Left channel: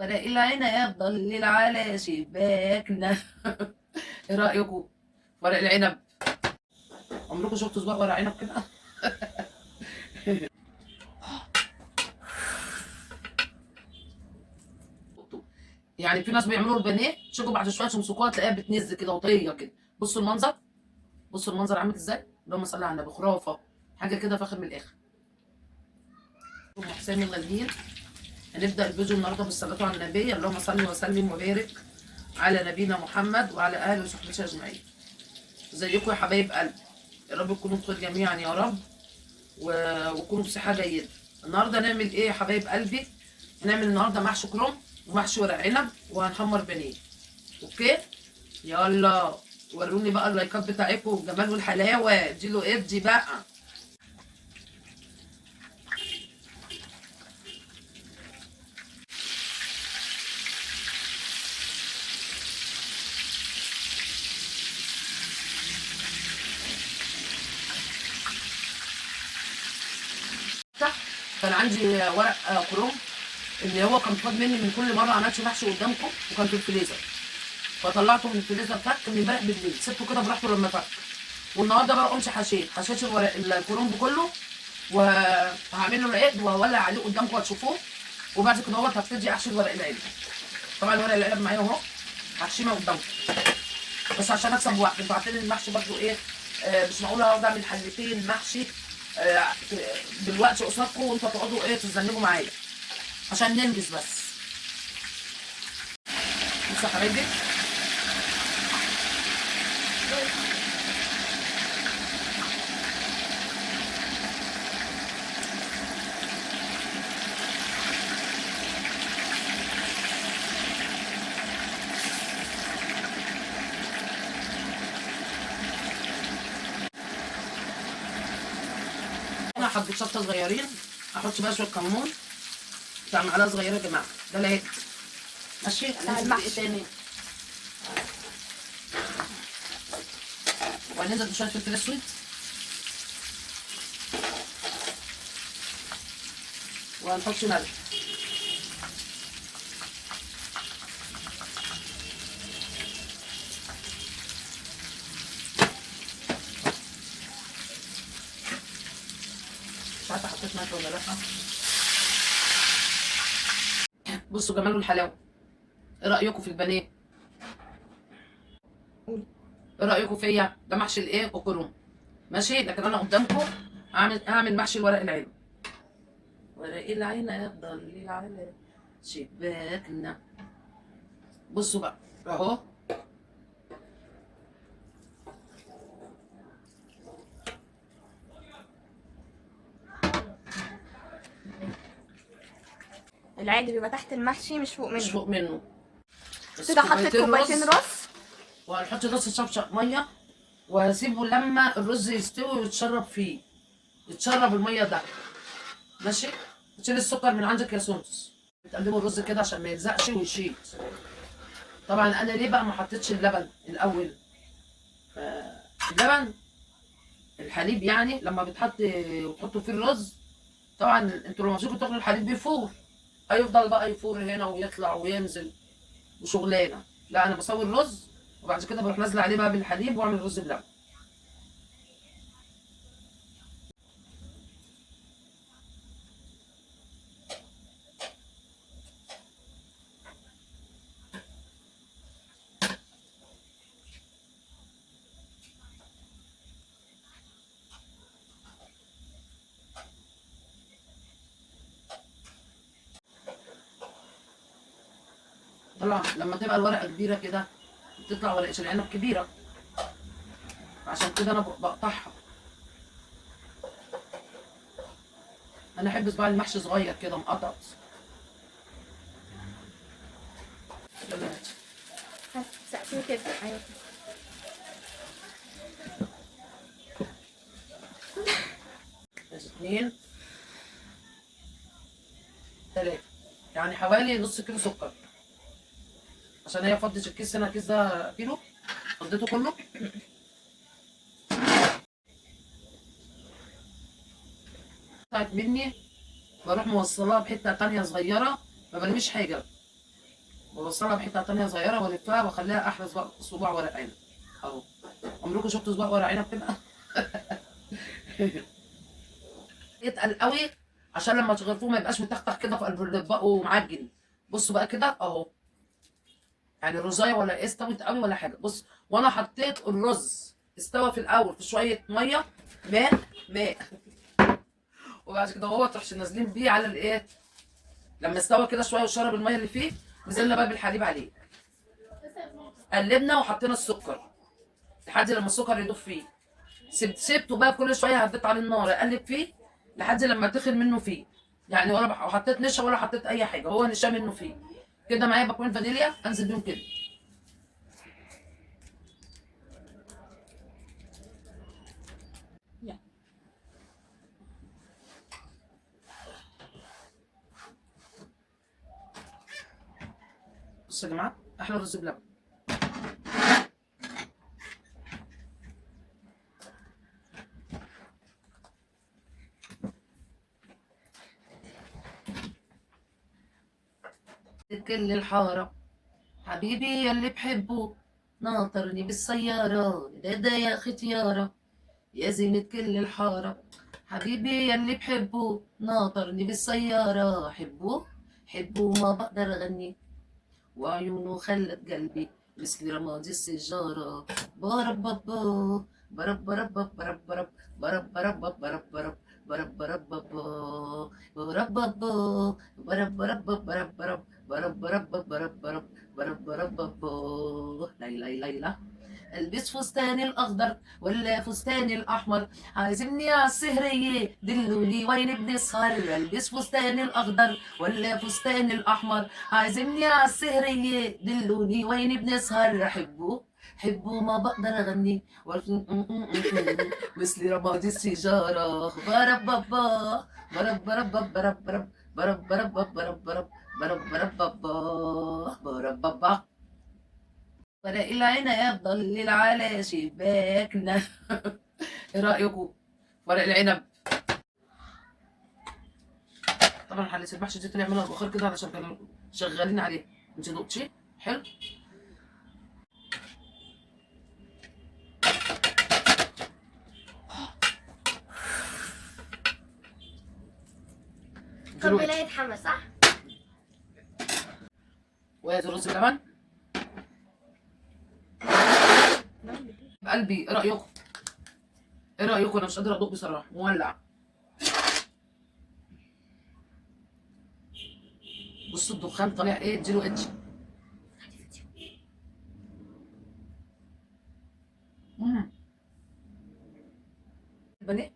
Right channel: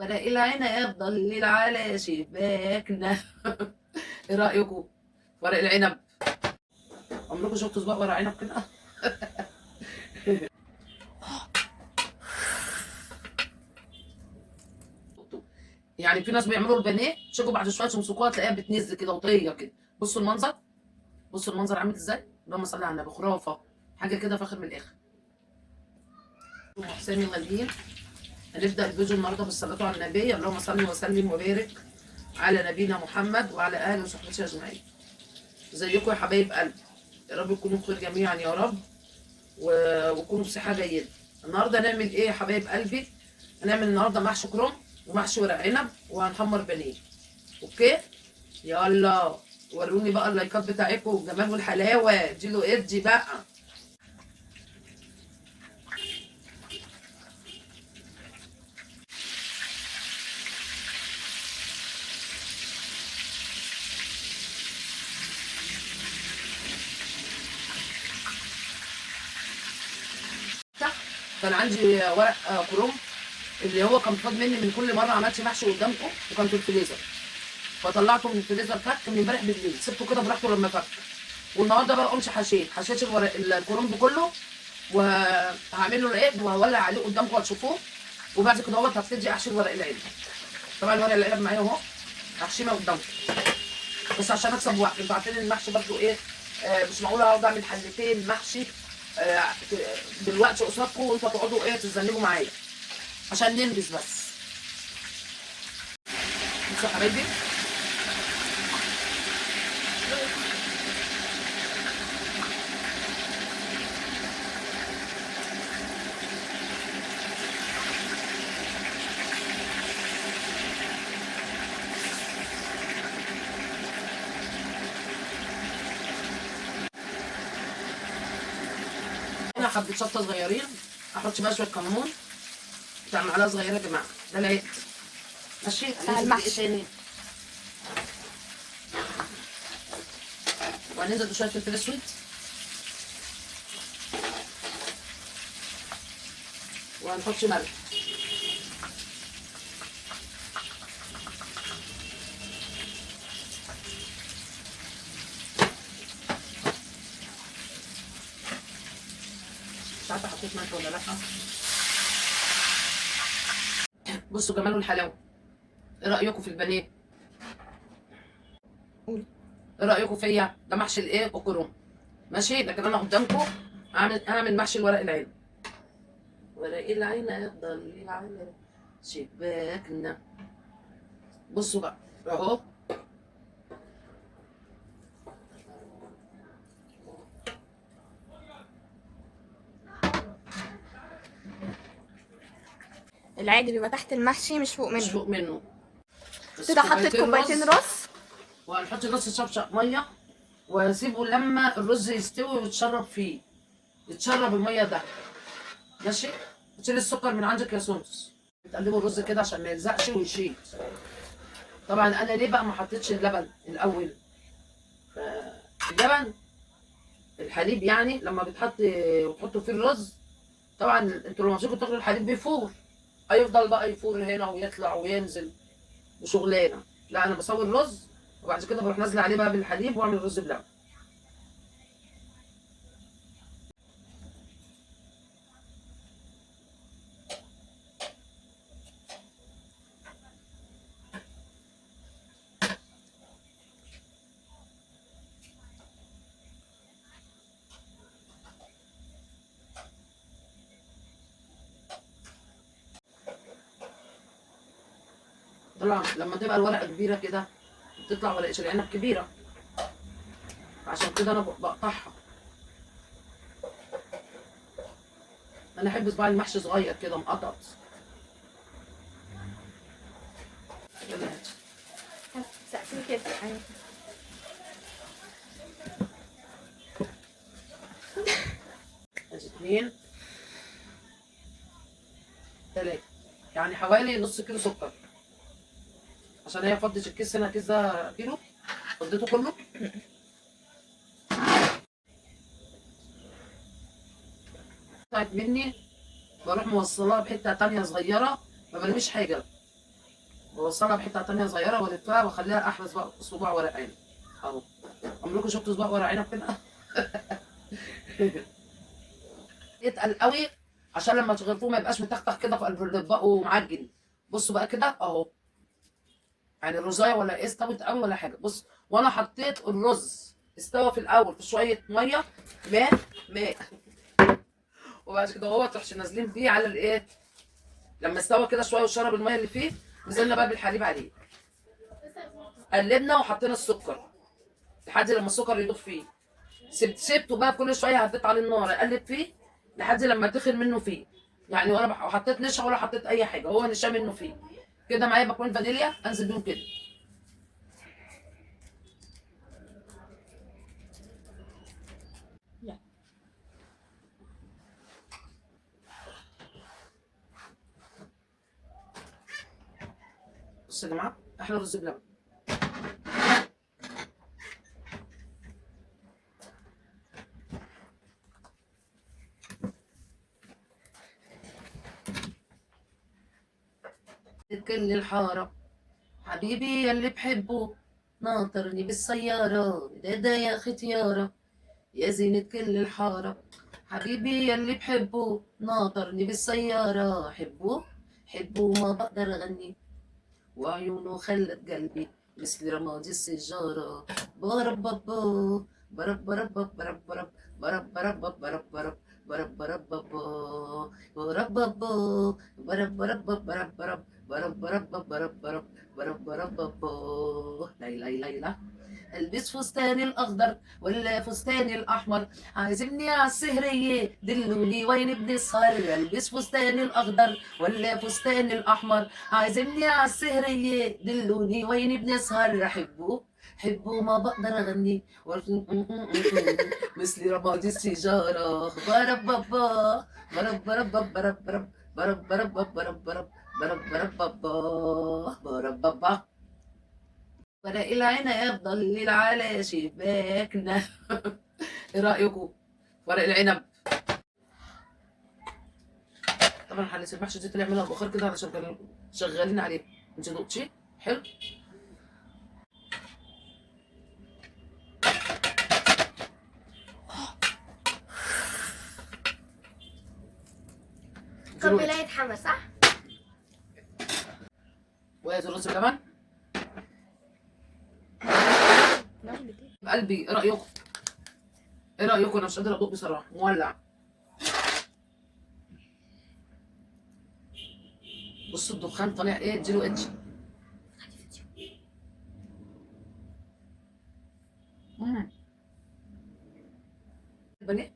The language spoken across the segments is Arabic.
ورق العنب ضلل على شباكنا. ايه رأيكم؟ ورق العنب، عمركم شفتوا صباع ورق عنب كده؟ يعني في ناس بيعملوا البانيه شوفوا بعد شويه تمسكوها تلاقيها بتنز كده وطريه كده. بصوا المنظر، بصوا المنظر عامل ازاي. اللهم صل على النبي، خرافه، حاجه كده فاخر من الاخر. حسين المليين. هنبدا الفيديو النهارده بالصلاه على النبي. اللهم صل وسلم وبارك على نبينا محمد وعلى اله وصحبه اجمعين. ازيكم يا حبايب قلبي؟ يا رب تكونوا بخير جميعا يا رب، وتكونوا بصحه جيده. النهارده هنعمل ايه يا حبايب قلبي؟ هنعمل النهارده محشي كرنب ومحشي ورق عنب وهنحمر بانيه. اوكي، يلا وروني بقى اللايكات بتاعتكم والجمال والحلاوه. اديله ادي بقى. كان عندي ورق كروم اللي هو كان فاض مني من كل مره عملت محشي قدامكم، وكان في الفريزر، فطلعته من الفريزر فك من امبارح بالليل، سبته كده براحته لما فك. والنهارده بقى قمت حشيت الورق الكرنب كله، وهعمل له العيد وهولع عليه قدامكم هتشوفوه. وبعد كده هبتدي احشي ورق العنب. طبعا ورق العنب معايا اهو، هحشيه قدامكم بس عشان اكسب وقت. انتوا عارفين المحشي برضه ايه، مش معقول اقعد اعمل حلتين محشي آه بالوقت قصادكم وانتوا تقعدوا ايه تتذنبوا معايا، عشان ننجز بس. بصوا يا حبايبي، انا حبيت شطه صغيرين، احط بقى شويه كمون بتاع معلقه صغيره يا جماعه، ده العيد. ماشي، بتاع هننزل بايه المحشي. تاني؟ وهننزل بشويه فلفل اسود، وهنحط ملح. مش عارفه حطيت ملح ولا لا. بصوا جمال والحلاوه. ايه رايكم في البانيه؟ قولي. ايه رايكم فيا؟ ده محشي الايه الكرنب. ماشي، لكن انا قدامكم هعمل محشي الورق العنب. ورق العنب ضل على شباكنا. بصوا بقى اهو. العادي بيبقى تحت المحشي مش فوق مش منه. فوق منه. بس كده حطيت كوبايتين رز. وهنحط نص شفشق ميه، وهسيبه لما الرز يستوي ويتشرب فيه، يتشرب الميه ده. ماشي، وتشيل السكر من عندك يا سونس. بتقلبوا الرز كده عشان ما يلزقش ويشيل. طبعا انا ليه بقى ما حطيتش اللبن الاول؟ اللبن، الحليب يعني لما بتحط وتحطوا فيه الرز، طبعا انتوا لما تيجوا تاكلوا الحليب بيفور، هيفضل بقى يفور هنا ويطلع وينزل وشغلانه. لا، انا بسوي الرز وبعد كده بروح نازله عليه بقى بالحليب واعمل رز بلبن. طبعا لما تبقى الورقه كبيره كده بتطلع ورقه العنب كبيره، عشان كده انا بقطعها. انا احب صباع المحشي صغير كده مقطط. سقفين كده. ايوه. اتنين تلاته، يعني حوالي نص كيلو سكر، عشان هي فضت الكيس هنا. الكيس ده كيلو، فضيته كله. بتاعت مني بروح موصلاها بحته تانيه صغيره، ما برميش حاجه. بوصلها بحته تانية صغيره والفها واخليها احلى صباع ورق عنب اهو. عمركم شفتوا صباع ورق عنب كده؟ يتقل قوي عشان لما تغرفوه ما يبقاش متختخ كده في قلب الاطباق ومعجن. بصوا بقى كده اهو، يعني الرزايه ولا استوت قوي ولا حاجه. بص، وانا حطيت الرز استوى في الاول في شويه ميه ماء وبعد كده هو تروحش نازلين بيه على الايه. لما استوى كده شويه وشرب الميه اللي فيه، نزلنا بقى بالحليب عليه، قلبنا وحطينا السكر لحد لما السكر يدوب فيه. سبته بقى كل شويه هديت على النار اقلب فيه لحد لما تخن منه فيه، يعني ولا حطيت نشا ولا حطيت اي حاجه، هو نشا منه فيه كده. معايا باكون فانيليا انزل بيهم كده. بصوا يا جماعه، احلى رز بلبن. كل الحارة حبيبي يلي بحبه ناطرني بالسيارة، ده يا ختيارة يا زينة كل الحارة. حبيبي يلي بحبه ناطرني بالسيارة، حبه ما بقدر أغني وعيونه خلت قلبي مثل رماد السجارة. برب بابا برب برب برب برب برب برب برب برب برب برب بابا برب بابا برب برب برب برب برب برب برب برب برب برب بابا. ليلى ليلى البس فستان الاخضر ولا فستان الاحمر، عازمني على السهريه دلوني وين بنسهر. البس فستان الاخضر ولا فستان الاحمر، عازمني على السهريه دلوني وين بنسهر. حبوا ما بقدر اغني مثل رماد السيجاره. برب بابا برب برب برب برب برب برب برب برب برب برب بابا برب بابا. ورق العنب ضلل على شباكنا. ايه رايكم؟ ورق العنب طبعا هنسيب المحشي دي طلع منها البخار كده علشان كانوا شغالين عليه. انت دقتي حلو؟ طب لا يتحمس صح؟ وادي الرز بلبن قلبي. ايه رايكم؟ ايه رايكم؟ انا مش قادره ادوق بصراحه، مولع. بصوا الدخان طالع ايه، اديله اتش. البانيه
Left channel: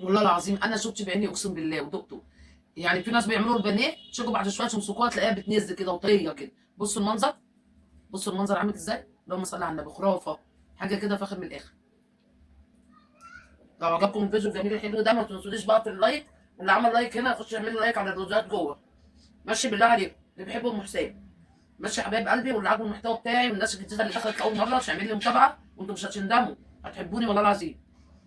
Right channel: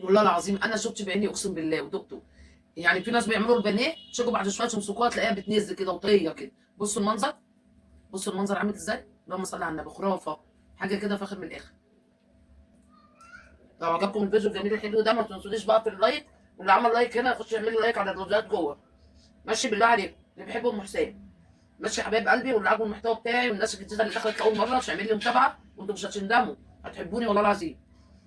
والله العظيم انا شفت بعيني اقسم بالله ودقته. يعني في ناس بيعملوا البانيه تشوفوا بعد شويه تمسكوها تلاقيها بتنزل كده وطريه كده. بصوا المنظر، بصوا المنظر عامل ازاي. اللهم صل على النبي، خرافه حاجه كده فاخر من الاخر. لو عجبكم الفيديو الجميل الحلو ده ما تنسونيش بقى في اللايك، واللي عمل لايك هنا يخش يعمل لايك على الفيديوهات جوه. ماشي بالله عليكم اللي بيحبوا ام حسين. ماشي يا حبايب قلبي، واللي عاجبه المحتوى بتاعي والناس الجديده اللي دخلت اول مره مش هيعمل لي متابعه وانتم مش هتندموا، هتحبوني والله العظيم.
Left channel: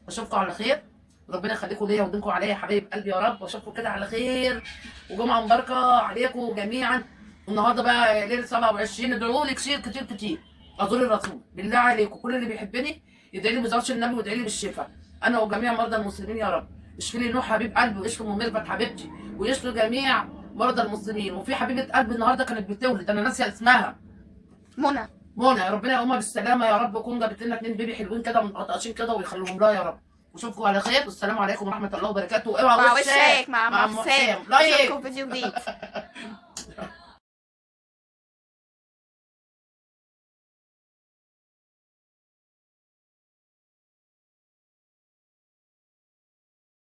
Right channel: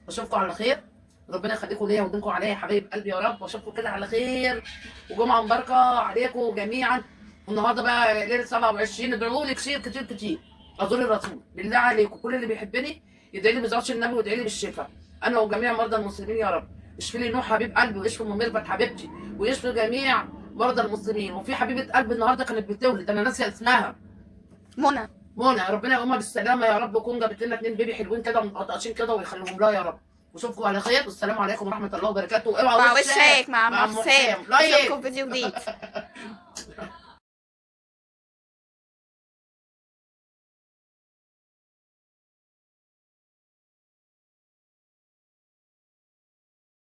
واشوفكم على خير، ربنا يخليكم ليا ويديمكم عليا يا حبايب قلبي يا رب. واشوفكم كده على خير وجمعه مباركه عليكم جميعا. النهارده بقى ليله 27، ادعوا لي كتير كتير كتير. ازور الرسول بالله عليكم، كل اللي بيحبني يدعي لي بزوجة النبي ويدعي لي بالشفاء، انا وجميع مرضى المسلمين يا رب. اشفي لي نوح حبيب قلبي، واشفي ام ميرفت حبيبتي، ويشفي جميع مرضى المسلمين. وفي حبيبه قلبي النهارده كانت بتولد، انا ناسيه اسمها، منى. ربنا يقومها بالسلامه يا رب، وكون جابت لنا 2 بيبي حلوين كده متقطعين كده ويخليهم لها يا رب. واشوفكم على خير، والسلام عليكم ورحمه الله وبركاته. اوعى مع وشك مع أم حسام. لايك. اشوفكم فيديو جديد.